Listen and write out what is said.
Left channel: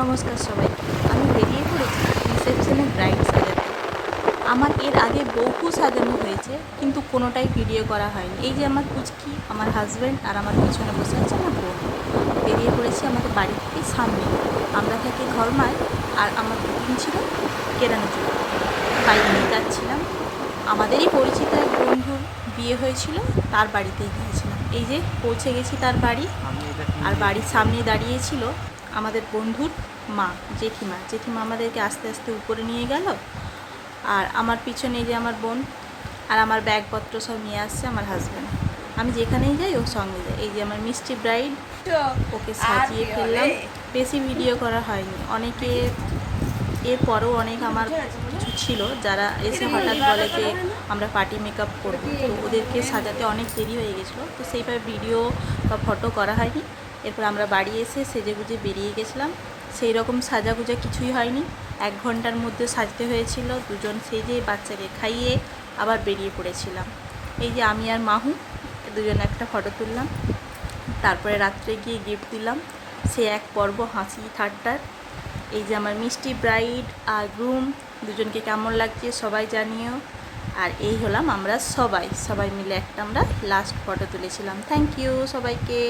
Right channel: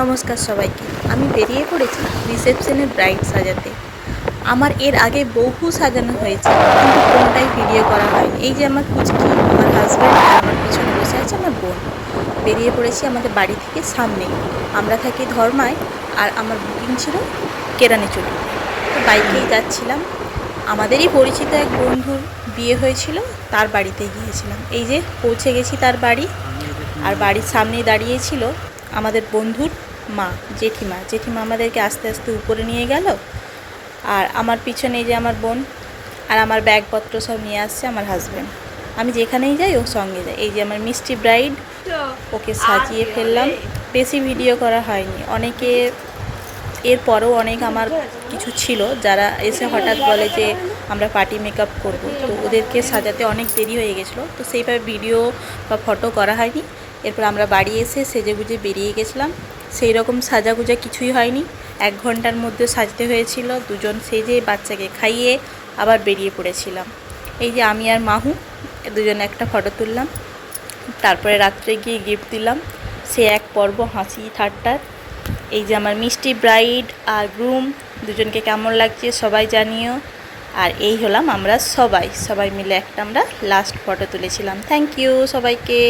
নমস্কার সবাইকে। আমি বেরিয়ে পড়েছি রিসেপশনের ব্রাইড সাজাতে। আমার এর আগে বহু সাজানো হয়েছে, কিন্তু কোনোটাই ভিডিও করা হয়নি। এই যে আমার পুচকি, আমার হাজব্যান্ড আর আমার পিছনে বসে আছে আমার বোন। বেরিয়ে পড়েছি আমাদের বাড়ি থেকে সামনেই। আমরা থাকি ধর্মায়, আর আমার বুকিং ছিল কেরানীচড়িতে। তো বাইকেই যাচ্ছিলাম। আমাদেরই পরিচিত এক বন্ধুর বিয়ে হয়েছিল, তার বাড়িতে গিয়েছিলাম। এই যে পৌঁছে গেছি তার বাড়ি, আর বাড়ির সামনেই দাঁড়িয়েছিল আমাদের বন্ধুর মা, জেঠিমা। জেঠিমা আমাদেরকে আস্তে আস্তে উপরে নিয়ে গেল, আর আমার পিছনে এই যে আমার বোন, আর আমার ব্যাগপত্র সব নিয়ে আসছে আমার হাজব্যান্ড। আমি যেখানেই যাই ওর সঙ্গে যাই। এই যে আমার মিষ্টি ব্রাইড, ওকে সাজিয়ে ফেললাম। বেশি ভিডিও করা হয়নি। অনেকে এরপরেও অনেক আমার কিছু ছিল যারা এসে হঠাৎ বলে যে আমরা পার্টি মেকআপ করব, তো ওদেরকে সাজাতে অনেক দেরি হয়ে গেছিলো, তো সেইভাবে ভিডিও বা ফটো করা হয়নি। এরপর আমরা বাড়ি এসে সেজেগুজে বেরিয়ে গেছিলাম। সেই রকম সাজাগুজা কিছুই হয়নি, 1 ঘন্টার মধ্যে সাজতে হয়েছিল। দুজন সেজে বাচ্চাকে খাইয়ে আবার বেরিয়ে পড়েছিলাম। এই যে আমি আর মাহু দুজনে একটা ফটো তুললাম, তারপরে রাত্রে গিয়ে গিফট দিলাম। সে এক পর্ব হাসি ঠাট্টার। এই যে আমার মিষ্টি ব্রাইড আর গ্রুম, দুজনকে কেমন লাগছে সবাই জানিও। আর এই হলাম আমরা সবাই মিলে একটা আমরা লাস্ট ফটো তুলেছিলাম। থ্যাংক ইউ সবাইকে।